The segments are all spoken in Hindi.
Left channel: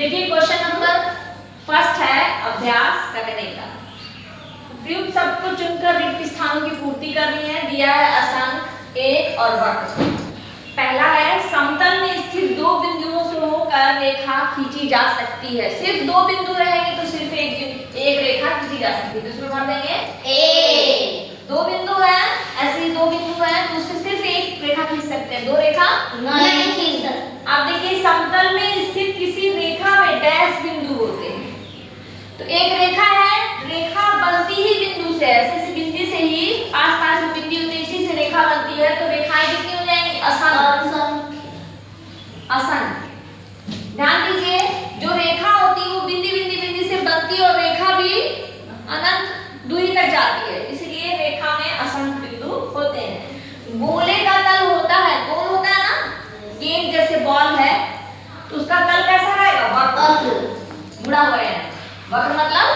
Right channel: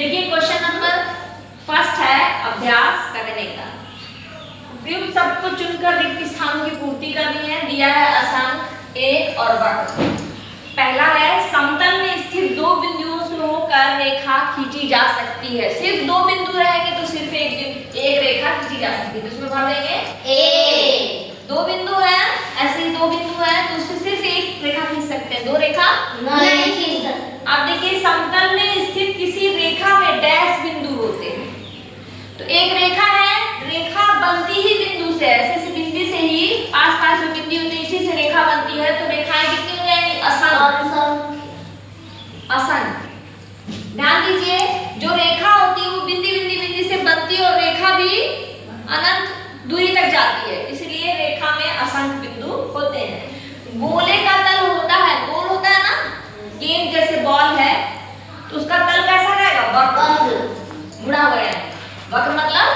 देखिए क्वेश्चन नंबर फर्स्ट है अभ्यास करने का। उपयुक्त सब कुछ चुनकर रिक्त स्थानों की पूर्ति करनी है। दिया है असंख्य, एक और वक्र। पहला है समतल में स्थित दो बिंदुओं से होकर रेखा खींची जा सकती है। सिर्फ दो बिंदु रहेंगे तो सिर्फ एक रेखा खींची जा सकती है। तो इसमें भर देंगे ए। दो बिंदु है, ऐसे ही दो बिंदु है तो उससे सिर्फ एक रेखा खींच सकते हैं, दो रेखा नहीं खींच सकते। अब देखिए समतल में स्थित किसी रेखा में डैश बिंदु होते हैं। तो एक रेखा है, रेखा बनती ही बिंदु से, ऐसे बिंदु से ही आस-पास जो बिंदु होते हैं इसी से रेखा बनती है। तो रेखाएं कितनी हो जाएंगी? असंख्य। असंख्य। ध्यान दीजिए जो रेखा होती है वो बिंदु से बनती है और रेखा भी अनंत दूरी तक जाती है, इसलिए रेखा में असंख्य बिंदु होते हैं। गोले का तल होता है, गोल होता है ना, गेंद जैसे बॉल है तो उसका तल कैसा रहेगा? वक्र, मुड़ा हुआ है। वक्र मतलब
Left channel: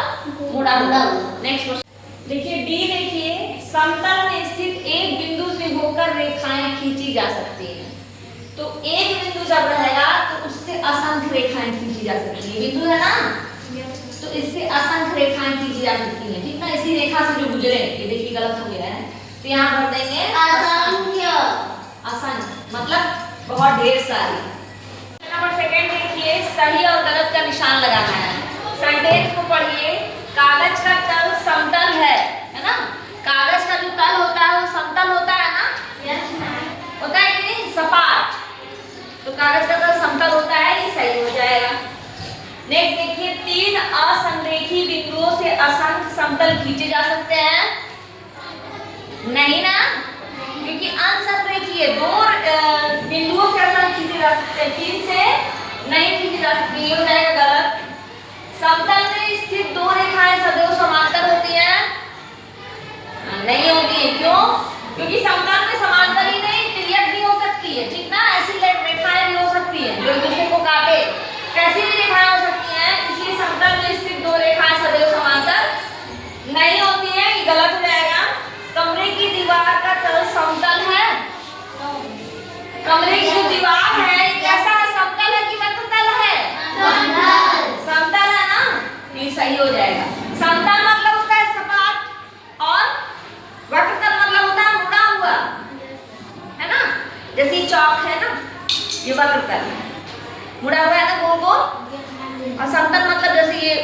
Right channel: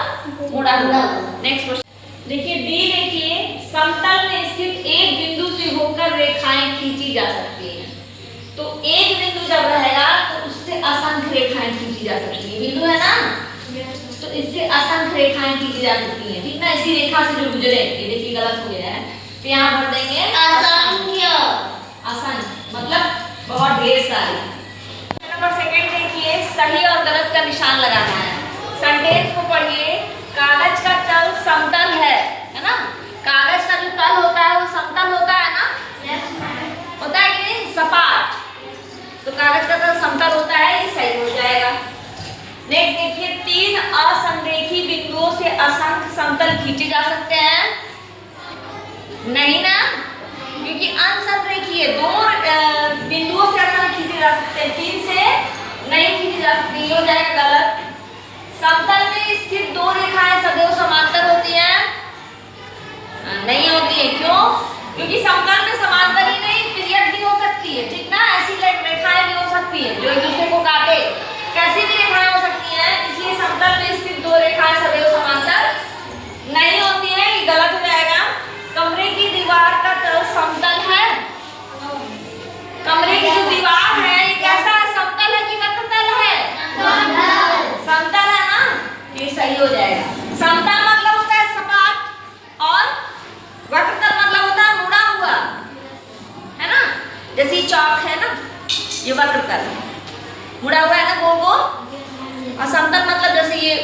मुड़ा हुआ। नेक्स्ट क्वेश्चन देखिए डी। देखिए समतल में स्थित एक बिंदु से होकर रेखाएं खींची जा सकती हैं। तो एक बिंदु जब रहेगा तो उससे असंख्य रेखाएं खींची जा सकती हैं। बिंदु है ना, तो इससे असंख्य रेखाएं खींची जा सकती हैं, ठीक ना। इसी रेखा से जो गुजरे, ये देखिए गलत हो गया है तो यहाँ भर देंगे असंख्य। असंख्य मतलब बहुत ढेर सारी। नंबर सेकंड देखिए सही और गलत का निशान लगाना है। सेंटेंस को पढ़िए। कागज का तल समतल है ना। कागज का जो तल होता है वो समतल होता है ना। होता है कि नहीं? सपाट। तो कागज का तल समतल होता है, ये सही हो जाएगा। नेक्स्ट देखिए तीन असंरेखी बिंदुओं से असंख्य समतल खींचे जा सकते हैं। नहीं ना, क्योंकि असंरेखी है। दो बिंदुओं से असंख्य खींचे जा सकते हैं, तीन से नहीं खींचे जा सकते। ये हो जाएगा गलत। समतल में स्थित दो रेखाएं सदैव समांतर होती हैं? नहीं होती है। क्यों? क्योंकि समतल में समांतर ही नहीं तिर्यक भी हो सकती है, ठीक ना। ऐसी रेखाएं भी हो सकती है जो एक दूसरे को काटे, कैसी भी रेखाएं हो सकती हैं। इसलिए समतल में स्थित दो रेखाएं सदैव समांतर नहीं होती है, ये गलत हो जाएगा। कमरे की दीवार का तल समतल है। कमरे की जो दीवार है ये कैसा है? समतल है कि वक्रतल है? समतल है ना, ये सही हो जाएगा। समतल मतलब होता है सपाट और वक्रतल मतलब होता है मुड़ा हुआ, है ना। जैसे ये चौक है ना, ये वक्रतल मुड़ा हुआ है ना, गोल गोल। और समतल मतलब जैसे ये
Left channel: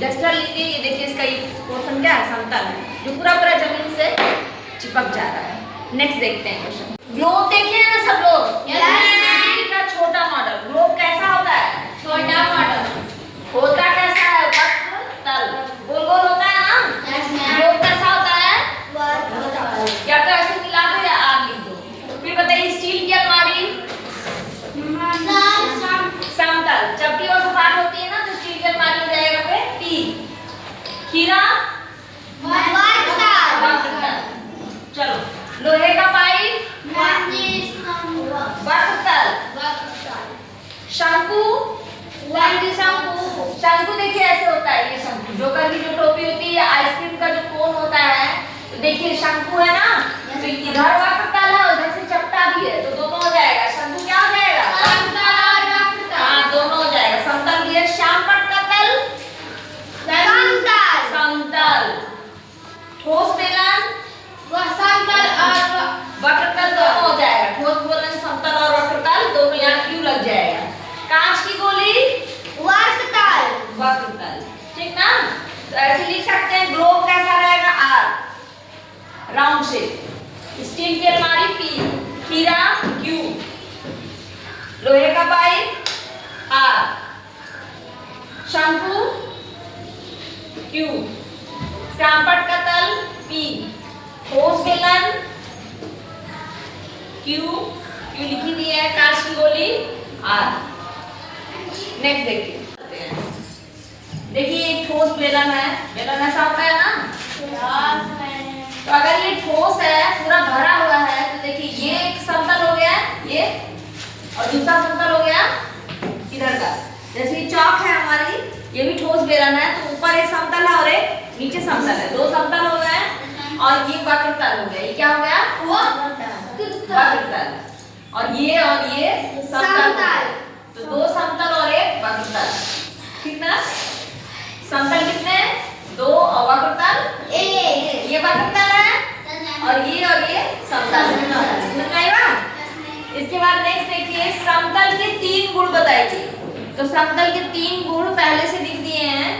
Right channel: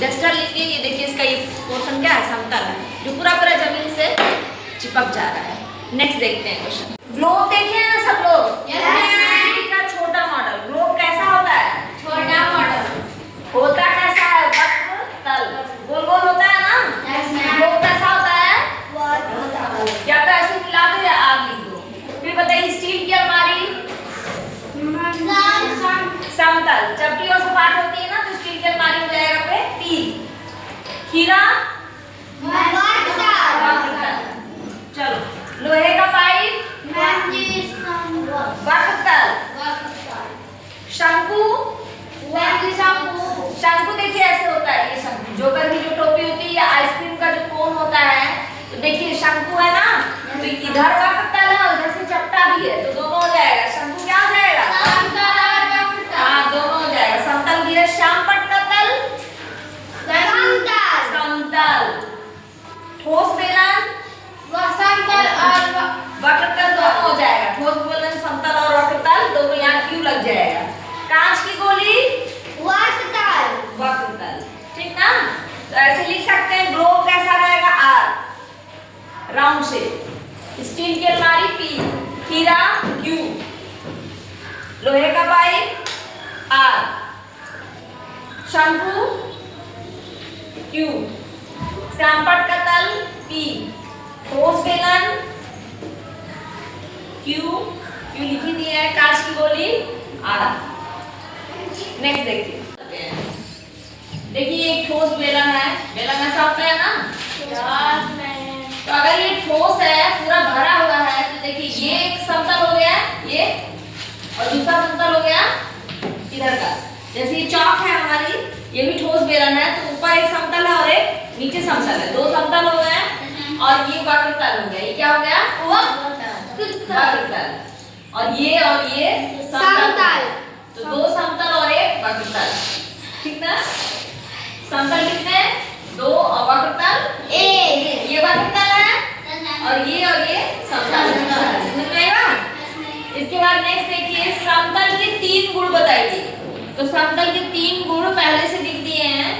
डस्टर लीजिए, ये देखिए इसका ये पोर्शन क्या है? समतल है, जो पूरा पूरा जमीन से चिपक जा रहा है। नेक्स्ट देखते हैं क्वेश्चन। ग्लोब देखे हैं ना सब लोग? का छोटा मॉडल। ग्लोब कैसा होता है? छोटा मॉडल होता कैसा है? वक्रतल, गोल गोल होता है ना। ग्लोब कैसा होता है? या तो ऐसे मिला दो या आग लिख दो। फिर बताइए स्टील की अलमारी समतल, जबकि वो सपाट होती है ना तो स्टील की अलमारी हो जाएगा पे टी। खीरा वक्रतल। चलो लोहे का पाइप वक्रतल। शंकु शंकु देखिए ऐसे होता है। ये शंकु जोकर की जो टोपी होती है या आइसक्रीम का जो कोन होता है, तो देखिए शंकु है ना, तो इधर वक्रतल है और इधर से चपटा भी है, तो दोनों हो जाएगा। शंकु क्या हो जाएगा? हाँ दोनों हो जाएगा। समतल भी है। श्यामपट्ट का तल समतल। ठोस बेलन वक्रतल दोनों हो जाएगा। ठोस बेलन समतल और वक्रतल दोनों, यहाँ क्यों लग जाएगा। कांच की गोली वक्रतल, ठीक ना। तो ऐसे लिख सकते हैं। ग्लोब कैसा रहेगा? Are, round shape. स्टील की अलमारी पी, खीरा क्यू, लोहे का पाइप आर, शंकु क्यू, श्यामपट्ट का तल पी, ठोस बेलन क्यू, क्यू लिखी दी है। कांच की गोली आर। नेक्स्ट देखिए। देखिए एक ठोस बेलन है। बेलन ऐसा होता है ना, तो अगर ये ठोस है, पूरा भरा हुआ है, तो देखिए ये एक समतल हो गया ये, और दूसरा समतल हो गया इधर का। जैसे ये चौक है हमारी, ये भी ठोस बेलन है, तो ऊपर एक समतल है और एक नीचे समतल है। दो समतल हो गए और ये वक्रतल हो गया। ये क्या हो गया? वक्रतल। और ये समतल। तो 2 समतल और 1 वक्रतल। ठीक ना? समतल कितने? 2 और वक्रतल 1। ये वक्रतल है और ये समतल। समझ में आया? इसके बाद नेक्स्ट देखिए, समतल के 3 गुण बताइए। तो समतल के 3 गुण पहले से लिख दिए हैं,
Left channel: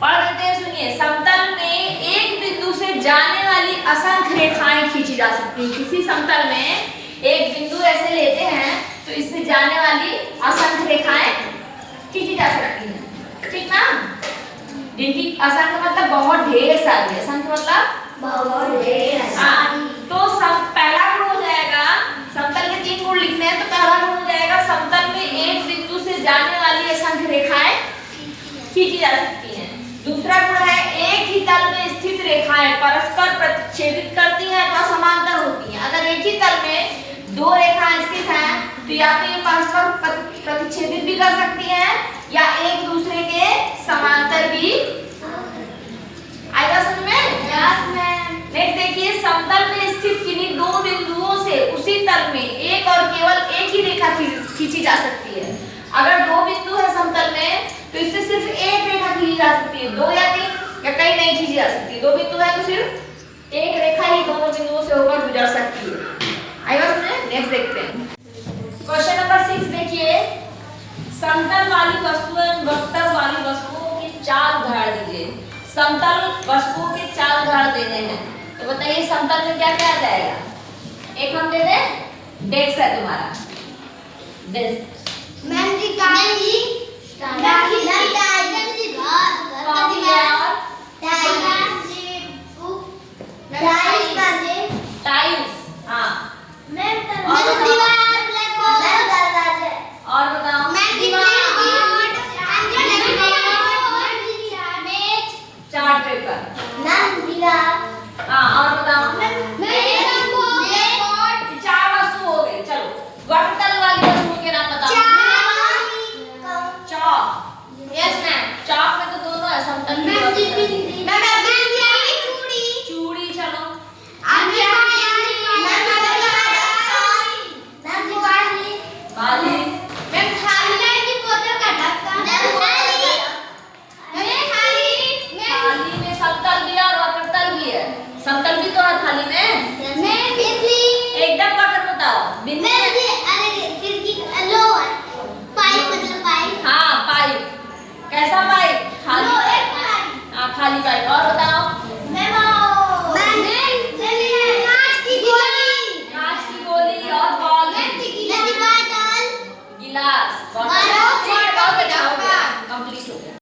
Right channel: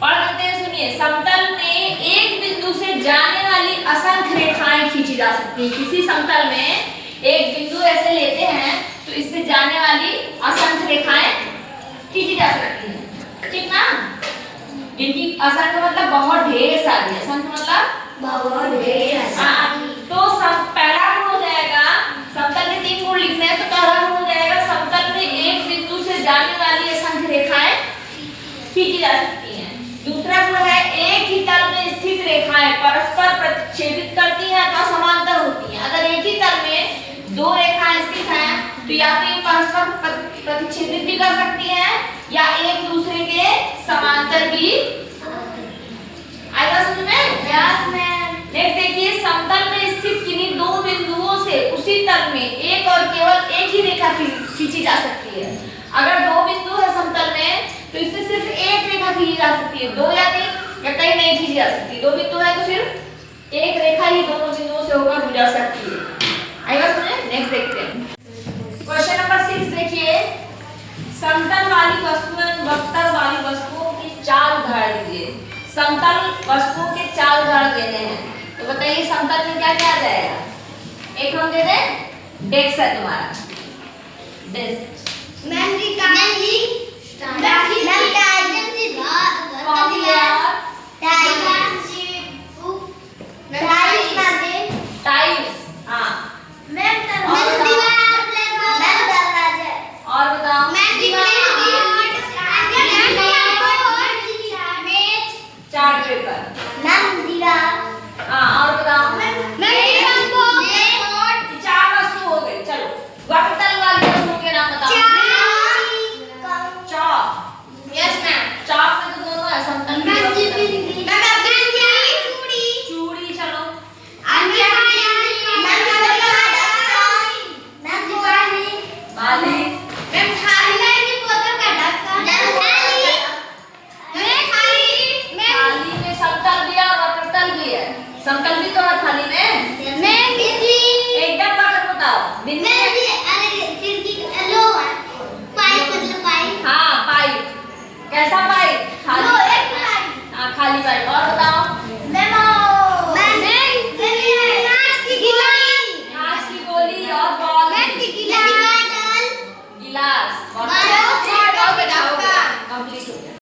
पढ़ लेते हैं, सुनिए। समतल में एक बिंदु से जाने वाली असंख्य रेखाएं खींची जा सकती हैं। किसी समतल में एक बिंदु ऐसे लेते हैं तो इससे जाने वाली असंख्य रेखाएं खींची जा सकती हैं। ठीक ना? जिनकी असंख्य मतलब बहुत ढेर सारी, असंख्य मतलब बहुत ढेर सारी। तो पहला गुण हो जाएगा, समतल के 3 गुण लिखने हैं, तो पहला गुण हो जाएगा समतल में एक बिंदु से जाने वाली असंख्य रेखाएं खींची जा सकती हैं। दूसरा गुण है, एक ही तल में स्थित रेखाएं परस्पर प्रतिच्छेदित करती हैं अथवा समांतर होती हैं। अगर एक ही तल में 2 रेखाएं स्थित हैं तो या तो ये परस्पर प्रतिच्छेदित भी कर सकती हैं या एक दूसरे के समांतर भी। आएगा समझ में? Yes ma'am. नेक्स्ट देखिए, समतल में स्थित किन्हीं 2 बिंदुओं से उसी तल में एक और केवल एक ही रेखा खींची जा सकती है। अगर 2 बिंदु है समतल में तो इससे सिर्फ एक रेखा खींची जा सकती है, 2 या 3 या कई नहीं खींची जा सकती। 2 बिंदु है तो सिर्फ एक रेखा ही दोनों बिंदुओं से होकर गुजर सकती है। आएगा समझ? नेक्स्ट देखते हैं, क्वेश्चन नंबर 6 देखिए। समतल वाली वस्तु एवं वक्र वाली वस्तुओं की 4 उदाहरण दीजिए। समतल वस्तुओं के 4 उदाहरण देने हैं, तो बताइए समतल में क्या क्या आ जाएगा? एक हम दे दें, डेस्क है तुम्हारा, डेस्क। मैम जी टाइल्स। हाँ, और बताओ। Chart paper. हाँ, और बताओ। 4 वस्तु हो गई। चलो, वक्रतल वाली वस्तुओं के नाम बताओ। चौक। चौक में तो दोनों है, समतल भी और चूड़ी। चलो, बाली। थाली में समतल भी है और वक्रतल भी है। समतल भी तो है थाली में। एकदम वक्र बताओ। बिंदु हाँ, पाइप। कैसा पाइप? खाली। हाँ, खाली पाइप। और बताओ। कांच की गोली और बॉल। गिलास। कंप्लीट हो गया।